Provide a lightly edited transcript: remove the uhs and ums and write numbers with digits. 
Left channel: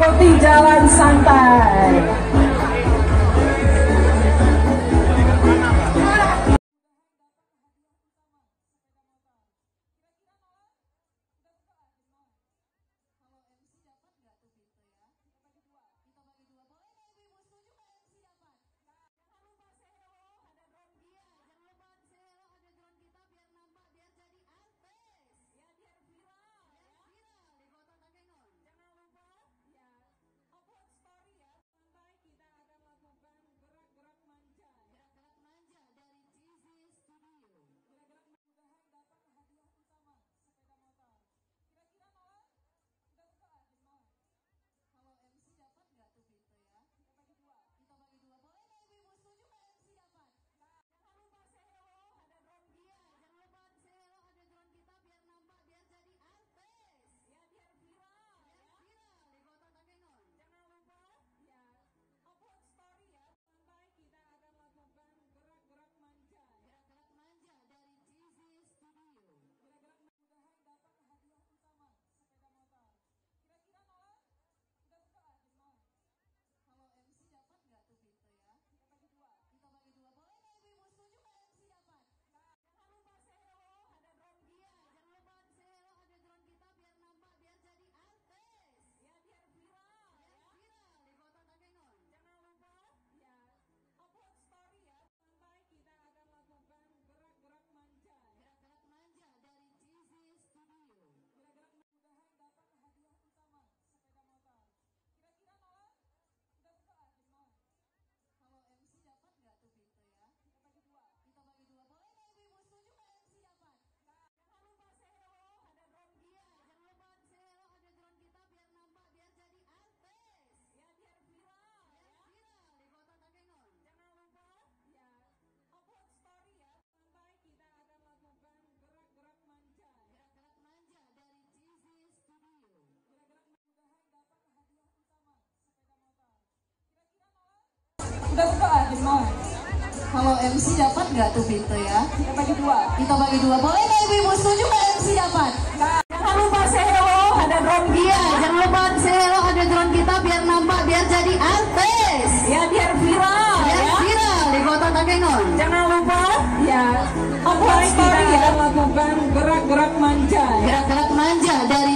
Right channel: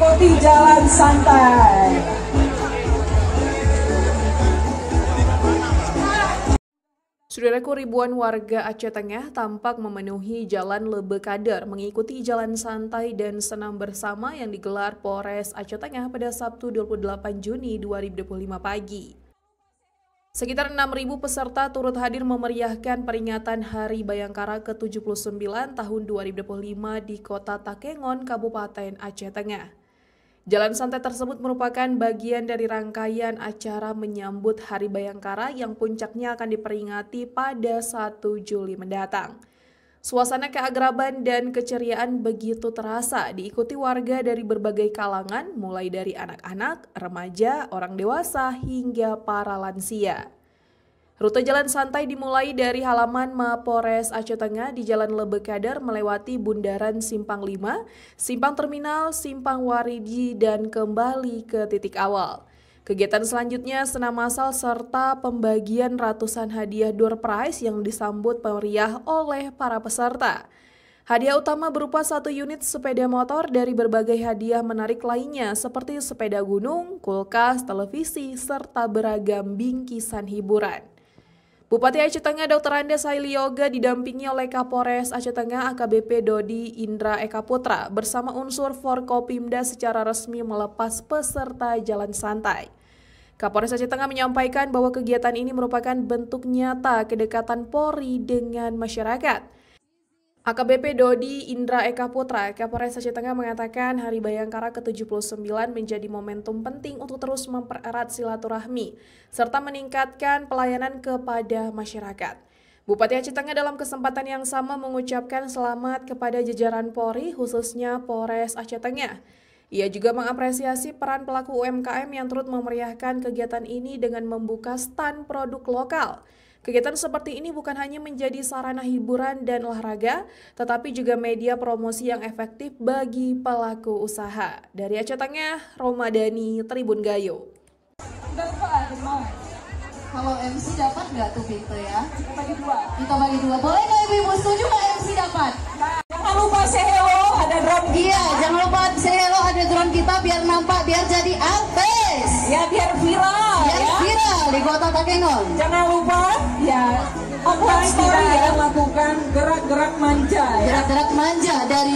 mengikuti jalan santai. Saudaraku, ribuan warga Aceh Tengah tampak memenuhi Jalan Lebe Kader mengikuti jalan santai dan senam bersama yang digelar Polres Aceh Tengah pada Sabtu 28 Juni 2025 pagi. Sekitar 6.000 peserta turut hadir memeriahkan peringatan Hari Bayangkara ke-79 tahun 2025 di Kota Takengon, Kabupaten Aceh Tengah. Jalan santai tersebut merupakan bagian dari rangkaian acara menyambut Hari Bayangkara yang puncaknya akan diperingati pada 1 Juli mendatang. Suasana keagraban dan keceriaan begitu terasa diikuti warga dari berbagai kalangan, mulai dari anak-anak, remaja, orang dewasa, hingga para lansia. Rute jalan santai dimulai dari halaman Mapores Aceh Tengah di Jalan Lebe Kader melewati Bundaran Simpang 5, Simpang Terminal, Simpang Waridi, dan kembali ke titik awal. Kegiatan selanjutnya senam massal serta pembagian ratusan hadiah door prize yang disambut meriah oleh para peserta. Hadiah utama berupa 1 unit sepeda motor dari berbagai hadiah menarik lainnya seperti sepeda gunung, kulkas, televisi, serta beragam bingkisan hiburan. Bupati Aceh Tengah Dr. Andes Haili Yoga didampingi oleh Kapolres Aceh Tengah AKBP Dodi Indra Eka Putra bersama unsur Forkopimda secara resmi melepas peserta jalan santai. Kapolres Aceh Tengah menyampaikan bahwa kegiatan ini merupakan bentuk nyata kedekatan Polri dengan masyarakat. AKBP Dodi Indra Eka Putra, Kapolres Aceh Tengah mengatakan Hari Bayangkara ke-79 menjadi momentum penting untuk terus mempererat silaturahmi serta meningkatkan pelayanan kepada masyarakat. Bupati Aceh Tengah dalam kesempatan yang sama mengucapkan selamat kepada jajaran Polri, khususnya Polres Aceh Tengah. Ia juga mengapresiasi peran pelaku UMKM yang turut memeriahkan kegiatan ini dengan membuka stand produk lokal. Kegiatan seperti ini bukan hanya menjadi sarana hiburan dan olahraga, tetapi juga media promosi yang efektif bagi pelaku usaha. Dari Aceh Tengah, Romadani, Tribun Gayo. Kalau MC dapat nggak tuh Binte ya? Kita bagi dua. Kita bagi dua. Boleh nggak ibu-ibu setuju nggak MC dapat? Jangan lupa say hello, ada drone. Iya, jangan lupa say hello, ada drone kita biar nampak, biar jadi artis. Ya, biar viral. Biar viral di Kota Takengon. Jangan lupa, ya, kita akan lakukan gerak-gerak manja. Gerak-gerak manja dari